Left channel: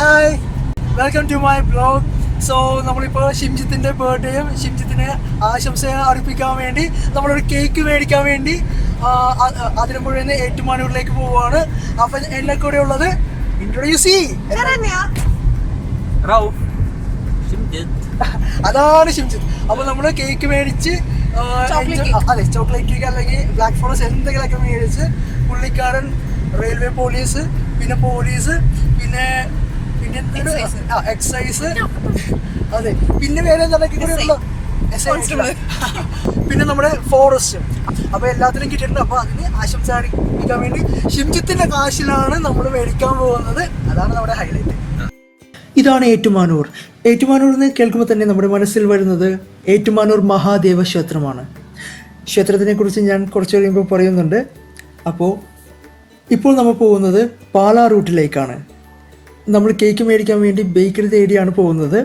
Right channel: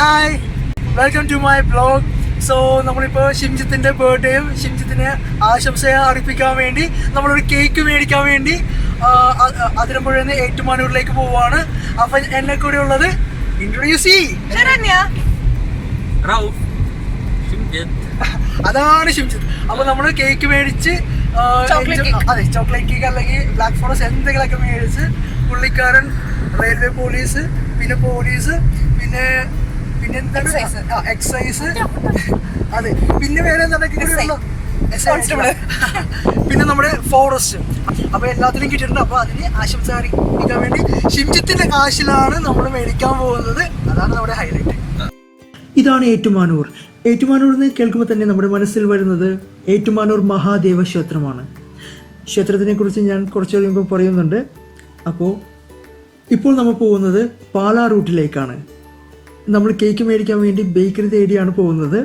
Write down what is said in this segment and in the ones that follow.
Hi, welcome to my blog. So നമ്മളിപ്പോൾ ഷിംജിത്തിൻ്റെ ബർത്ത്ഡേയും ഷിംജിത്തിനെ ആശംസയെ അറിയിപ്പിക്കാൻ വേണ്ടി നമ്മളൊരു കേക്ക് മേടിക്കാൻ വേണ്ടി അതിരമ്പുഴയിൽ നിന്ന് ഏറ്റുമാനൂരിലേക്ക് പോവുകയാണ്. അപ്പം എന്നെ കൂടെ ഉള്ളത് ഇൻട്രൊഡ്യൂസ് അതാണ് ഷിംജിത്ത്. അപ്പോൾ നമ്മൾ കേക്ക് മേടിച്ച് അതെ ചോക്ലേറ്റ് കേക്ക് അല്ലെങ്കിൽ ബ്ലാക്ക് ഫോറസ്റ്റ് എന്തെങ്കിലുമൊക്കെ മേടിച്ച് പുള്ളിക്കാരൻ റെയിൽവേ പോലീസ് പിന്നെ പിന്നെ എന്താണ് എക്സൈസ് അതെ പിന്നെ വേറെ എന്താണ് പിന്നെ നമ്മുടെ ഫോറസ്റ്റ് അപ്പൊ എല്ലാത്തിനും കിട്ടിയിട്ടുണ്ട്. അപ്പൊ അതിന് ആശംസ അറിയിക്കാൻ വേണ്ടി ഷിംജിത്തിന്റെ കാശിലാണ് നമ്മൾ മേടിക്കാൻ പോകുന്നത്. അതാണ് നമ്മുടെ ഹൈലൈറ്റ്. ഇതാണ് ഏറ്റുമാനൂർ. ഏറ്റുമാനൂർ എന്ന് കേൾക്കുമ്പോൾ തന്നെ നമ്മുടെ മനസ്സിൽ വരുന്നത് ഏറ്റുമാനൂർ മഹാദേവ ക്ഷേത്രമാണ്. ക്ഷേത്രത്തിനെ കുറിച്ച് ഞാൻ കുറച്ച് കഴിയുമ്പോൾ പറയുന്നുണ്ട്. ഇപ്പോൾ നമ്മൾ പോകുന്നത് പാലാ റൂട്ടിലേക്കാണ്. നമ്മൾ കേക്ക് മേടിക്കാൻ വേണ്ടി ബേക്കറി തേടിയാണ് പോകുന്നത്.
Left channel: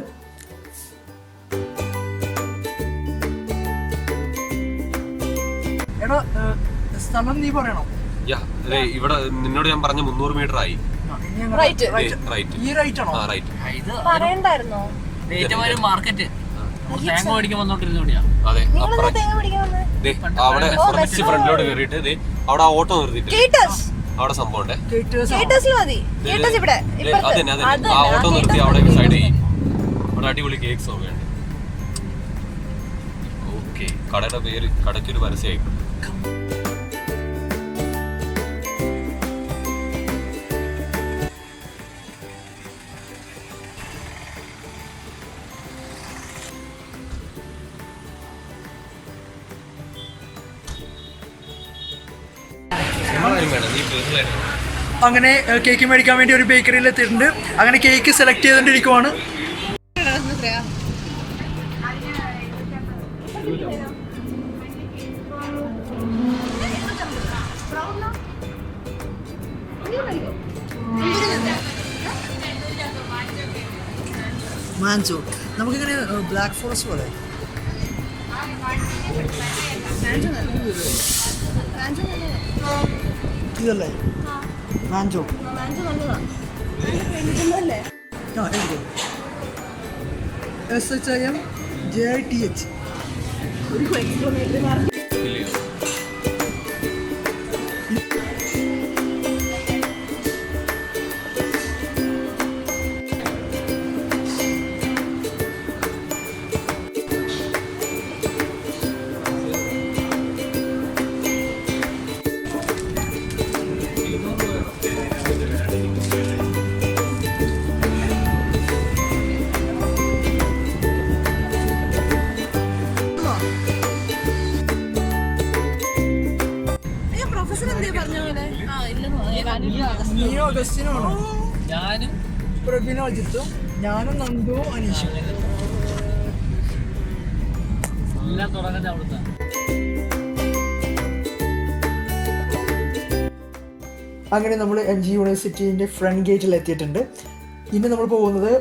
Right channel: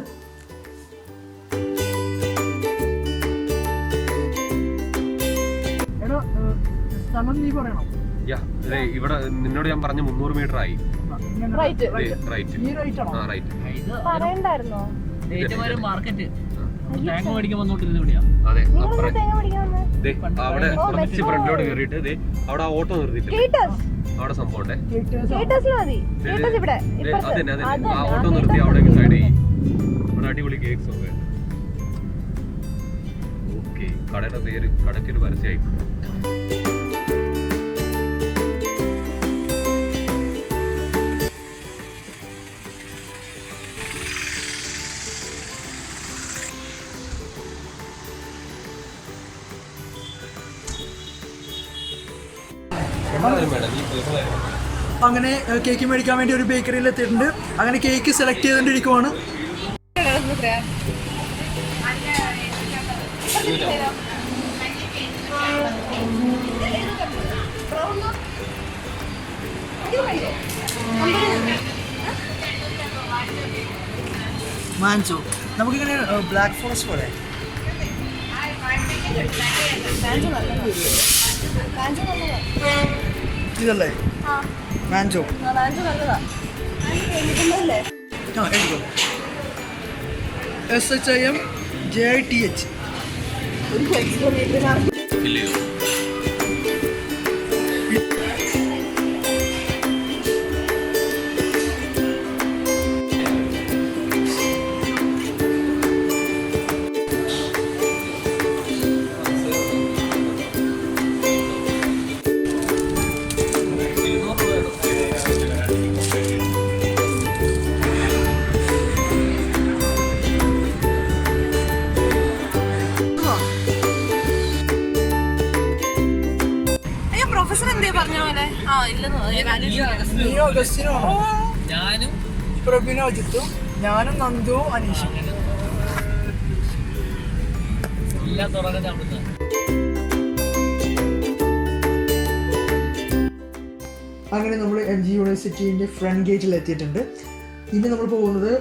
സ്ഥലം നീ പറയണം. ഇവിടെ നിന്നോട് ഞാൻ പറഞ്ഞ 300 മീറ്റർ ആയി. അവിടെ കുറച്ച് ഫ്രണ്ടിലോട്ട് കയറിയിട്ട് അവിടെ ഓട്ടോ നിർത്തിയിട്ട് അവിടെ സംഭവം അതന്നെ ആ ഓട്ടോ നിർത്തി അവിടെ സൈഡ് ചെയ്യും. അവിടെ അടിപൊളി കേക്ക്സ് ഒക്കെ ഉണ്ട്. ഓക്കെ, കടയുടെ പേര് കടയ്ക്കൊരു പരസ്യമായിട്ടുണ്ട്. അങ്ങനെ കേക്ക് മേടിക്കാൻ വേണ്ടി ഒരു ബേക്കറിയിൽ എത്തിയിട്ടുണ്ട്. അങ്ങനെ കേക്ക് സെലക്ട് ചെയ്തുകൊണ്ടിരിക്കുവാണ്. മാൻസോ നമുക്കിങ്ങനെ ബ്ലാക്ക് ഫോറസ്റ്റ് പോലെ ഇതല്ലേ മാൻജോ. എഴുതിക്കോ SHIMJITH. ഞാനും പ്രബിനോജിത്തും ഞാനും നന്ദുവും അനീഷും. അങ്ങനെ നമ്മൾ MG യൂണിവേഴ്സിറ്റീൻ്റെ ഫ്രണ്ട് ഗേറ്റിൽ എത്തിയിട്ടുണ്ട്. ഇനി നമ്മൾ പോകുന്നത്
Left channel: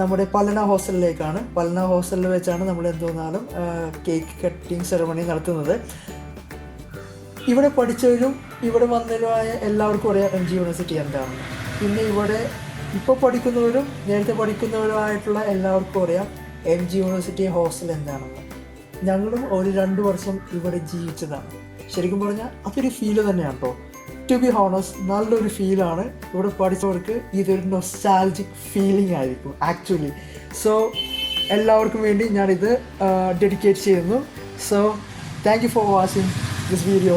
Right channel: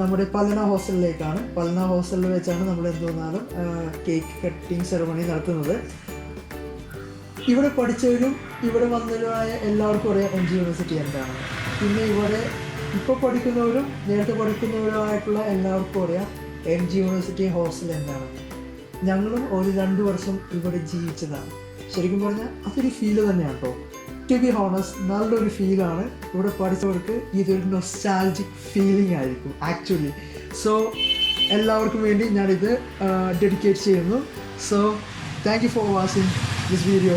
നമ്മുടെ പലന ഹോസ്റ്റലിലേക്കാണ്. പലന ഹോസ്റ്റലിൽ വെച്ചാണ് നമ്മൾ എന്തുവന്നാലും കേക്ക് കട്ടിങ് സെറമണി നടത്തുന്നത്. ഇവിടെ പഠിച്ചവരും ഇവിടെ വന്നവരുമായ എല്ലാവർക്കും അറിയാം MG യൂണിവേഴ്സിറ്റി എന്താണ്. പിന്നെ ഇവിടെ ഇപ്പോൾ പഠിക്കുന്നവരും നേരത്തെ പഠിക്കുന്നവരുമായിട്ടുള്ള എല്ലാവർക്കും അറിയാം MG യൂണിവേഴ്സിറ്റി ഹോസ്റ്റൽ എന്താണ്. ഞങ്ങളും ഒരു 2 വർഷം ഇവിടെ ജീവിച്ചതാണ്. ശരിക്കും പറഞ്ഞാൽ അതൊരു ഫീല് തന്നെയാണ് കേട്ടോ. ടു ബി ഹോണസ്റ്റ് നല്ലൊരു ഫീലാണ്. ഇവിടെ പഠിച്ചവർക്ക് ഇതൊരു നൊസ്റ്റാൾജിക് ഫീലിംഗ് ആയിരിക്കും ആക്ച്വലി. സോ എല്ലാവർക്കും വേണ്ടി ഞാനിത് ഡെഡിക്കേറ്റ് ചെയ്യുന്നു. So thank you for watching this video.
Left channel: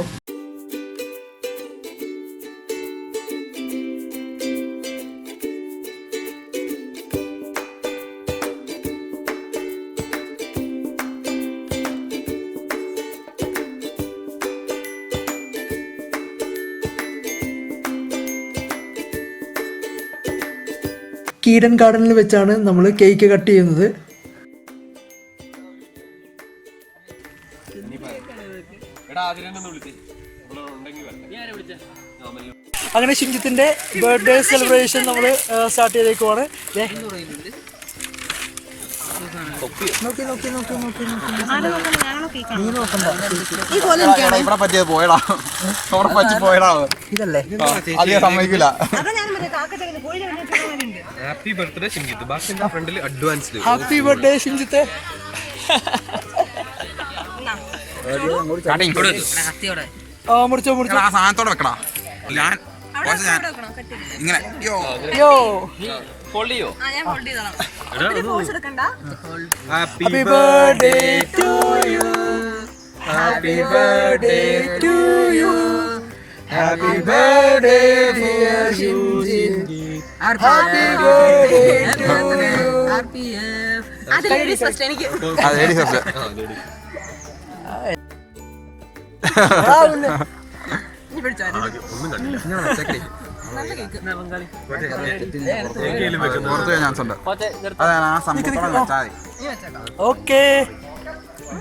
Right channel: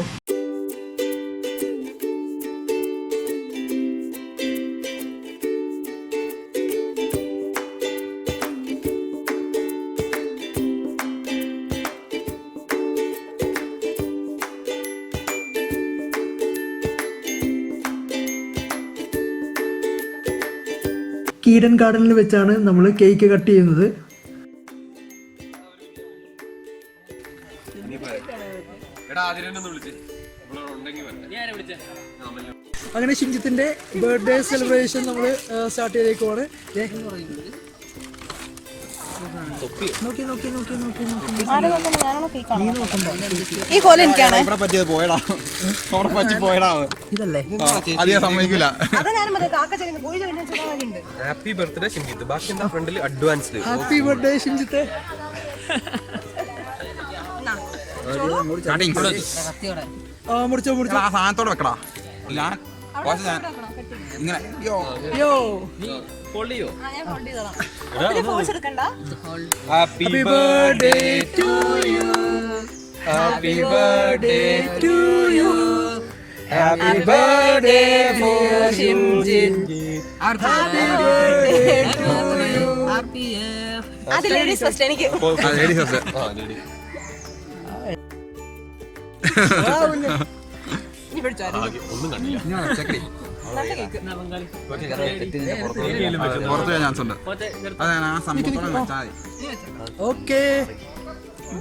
Eden ഗാർഡനിൽ വെച്ചാണ് നമ്മൾ കേക്ക് കട്ട് ചെയ്യുന്നത്. അങ്ങനെ ഷിംജിത്തിന്റെ ബർത്ത്ഡേ സെലിബ്രേഷൻ നമ്മൾ സ്റ്റാർട്ട് ചെയ്തേക്കുവാണ്. ഈ കോല എനിക്കാണ്. ഇവിടെ പറ്റിയത് പോയടാ, അവിടെ പറ്റി പോയടാ. ഇതല്ലേ അധികം സമ്മതിക്കില്ല. Happy birthday Shimjith. ബാക്കി എന്താ ഫ്രണ്ടിൽ അഡ്വാൻസ്ഡ് ഹാപ്പി ബർത്ത്ഡേ ഷിംജിത്തെ. മുറിച്ചോ മുറിച്ചോ. ആ സാധനത്തോടെ വെക്കടാ. ഞാൻ ഇങ്ങനെ പൊള്ളിയോ? Happy birthday to you, happy birthday to you, happy birthday for Shimjith, happy birthday to you. അത് ലേഡീസ് ഫസ്റ്റ് എനിക്ക്. ഒന്നും കണ്ടില്ല. പുറത്തു ചാൻസ് ഉണ്ട്. അതാണ് ആ സംഭവത്തോടെ വെച്ചാൽ മതി. Okay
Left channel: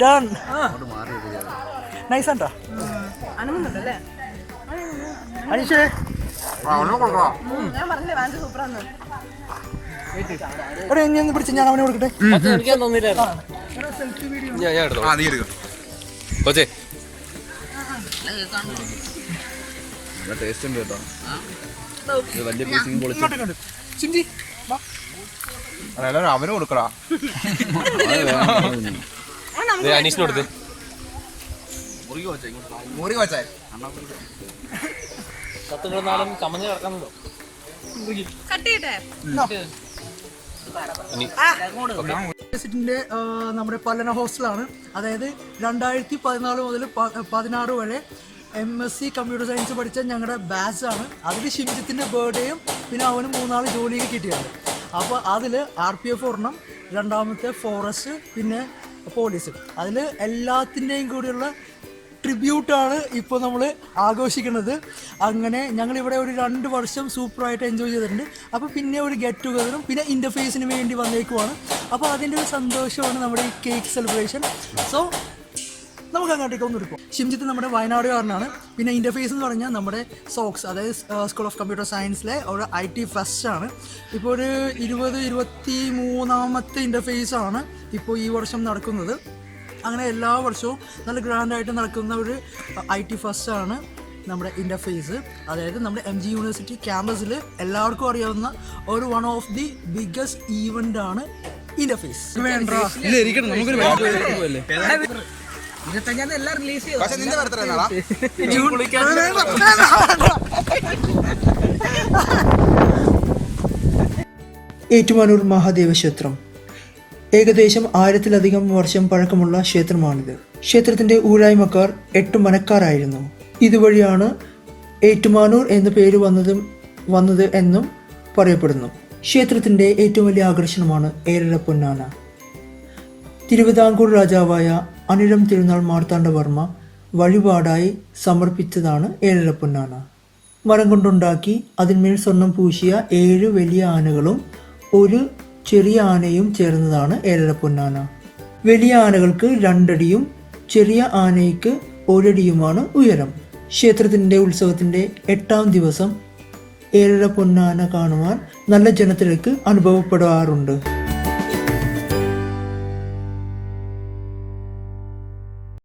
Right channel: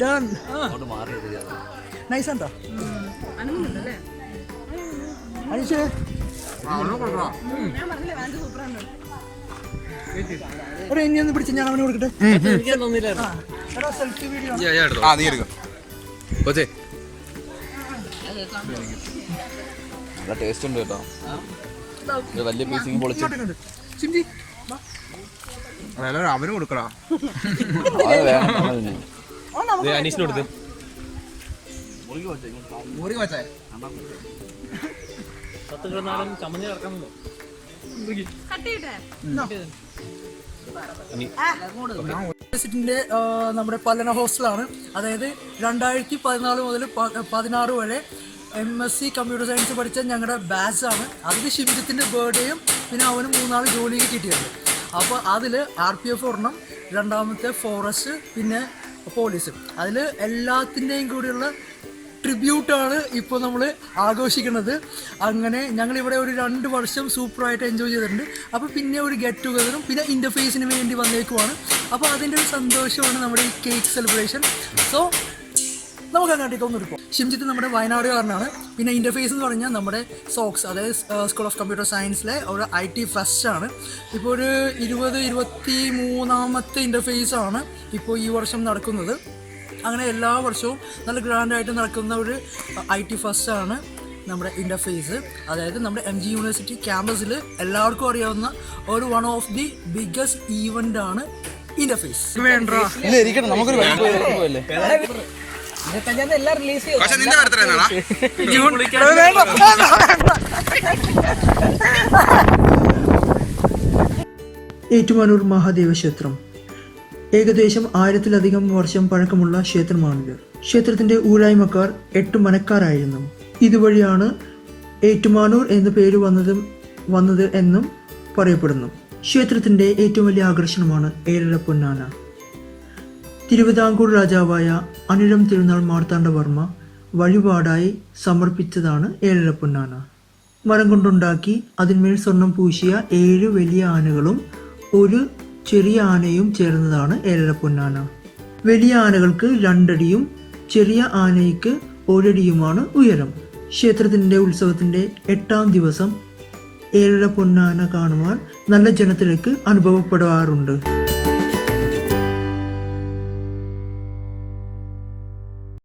done. നൈസ് ആണ്ടാ അനീഷേ. എടാ എന്നെ ഒന്ന് പിടിച്ച് ഞാൻ അവനെ കൊടുക്കട്ടെ. സെൽഫി വീഡിയോ ആ നീ എടുക്കാം. നല്ല ടേസ്റ്റ് ഉണ്ട് കേട്ടോ. വലിയ പീസിങ് പൊളിച്ചു. സിംജി വാ. എല്ലാവരും അവനും കൊടുക്കടാ. അനീഷിന് കൊടുത്ത് മുറി വച്ചേ. യൂണിവേഴ്സിറ്റിന്റെ നമ്മുടെ പലന ഹോസ്റ്റലാണ്. അതായത് 2014 മുതൽ 16 വരെ MSc കമ്പ്യൂട്ടർ സയൻസ് പഠിച്ച ഞങ്ങളുടെ ബാച്ചാണ്. അതിൽ ഷിംജിത്തിൻ്റെ ബർത്ത്ഡേയും പിന്നെ അവന് 3 ജോലിയൊക്കെ കിട്ടിയിട്ടുണ്ട്. അപ്പോൾ അതിൽ RPF ഒരെണ്ണം, രണ്ടാമത്തെ ഫോറസ്റ്റ്, പിന്നെ പോലീസ്. അതിൽ എല്ലാത്തിൻ്റെയും കൂടിയുള്ള ട്രിബ്യൂട്ടാണ് ഇപ്പോൾ നമ്മൾ ആഘോഷിക്കുന്നത്. അങ്ങനെ ഞങ്ങളിവിടെ ഒരു 2 വർഷം സൂപ്പറായിട്ട് എൻജോയ് ചെയ്തിട്ടുണ്ട്. അപ്പോൾ പിന്നെ ഒരു ഗെറ്റ് ടുഗദറും പിന്നെ ഇൻ്റർഫേസിന് വേണ്ടി വന്നേക്കുവാണ്. അപ്പോൾ അതിൻ്റെ ഒരു സന്തോഷമാണ് നമ്മുടെ ഈ കേക്ക് സെലിബ്രേഷൻ. സോ നമുക്ക് അങ്ങോട്ടേക്ക് ഒന്ന് എടുക്കും. ഷിംജിത്ത് നമ്മുടെ വയനാടുകാരനാണ്. പിന്നെ ഇൻ്റർഫേസ് എന്ന് പറഞ്ഞാൽ നമ്മുടെ സോക്സ്, അതായത് സ്കൂൾ ഓഫ് കമ്പ്യൂട്ടർ സയൻസിലെ ഒരു IT ഫെസ്റ്റാണ്. ഇപ്പോൾ ഒരു 23ാമത്തെ ഇൻ്റർഫേസാണ് ഇപ്പോൾ ഈ വർഷം നടക്കുന്നത്. അങ്ങനെ എല്ലാ വർഷവും നല്ല ഗ്രാൻഡായിട്ട് നടക്കുന്ന ഒരു IT ഫെസ്റ്റാണ് നമ്മുടെ ഇൻ്റർഫേസ്. അതായത് നമ്മുടെ MG യൂണിവേഴ്സിറ്റി ക്യാമ്പസിൽ എല്ലാവർക്കും അറിയാവുന്ന ഒരു വൺ ഓഫ് ദി ബിഗ്ഗസ്റ്റ് ഈവൻ്റാണ് ഇൻ്റർഫേസ്. നിന്റെ ബർത്ത്ഡേ എന്നാടാ? ഏറ്റുമാനൂർ മഹാദേവ ക്ഷേത്രം ഏകദേശം 1000-ലധികം വർഷം പഴക്കമുള്ള ക്ഷേത്രമാണിത്. ക്ഷേത്രത്തിന്റെ ഊരായ്മക്കാർ 8 മനക്കാരായിരുന്നു. ഇതുവഴിയാണ് ഏറ്റുമാനൂർ എന്ന പേര് വന്നത് എന്നും പറയപ്പെടുന്നു. ക്ഷേത്രത്തിന്റെ ഏറ്റവും വലിയ ആകർഷണമാണ് ഏഴര പൊന്നാന. തിരുവിതാംകൂർ രാജാവായ അനിഴം തിരുനാൾ മാർത്താണ്ഡവർമ്മ വഴിപാടായി സമർപ്പിച്ചതാണ് ഏഴര പൊന്നാന. മരം കൊണ്ടുണ്ടാക്കി അതിന്മേൽ സ്വർണം പൂശിയ 7 വലിയ ആനകളും ഒരു ചെറിയ ആനയും ചേർന്നതാണ് ഏഴര പൊന്നാന. വലിയ ആനകൾക്ക് 2 അടിയും ചെറിയ ആനയ്ക്ക് 1 അടിയുമാണ് ഉയരം. ക്ഷേത്രത്തിൻ്റെ ഉത്സവത്തിൻ്റെ 8ാം ദിവസം ഏഴര പൊന്നാന കാണുവാൻ നല്ല ജനത്തിരക്ക് അനുഭവപ്പെടാറുണ്ട്.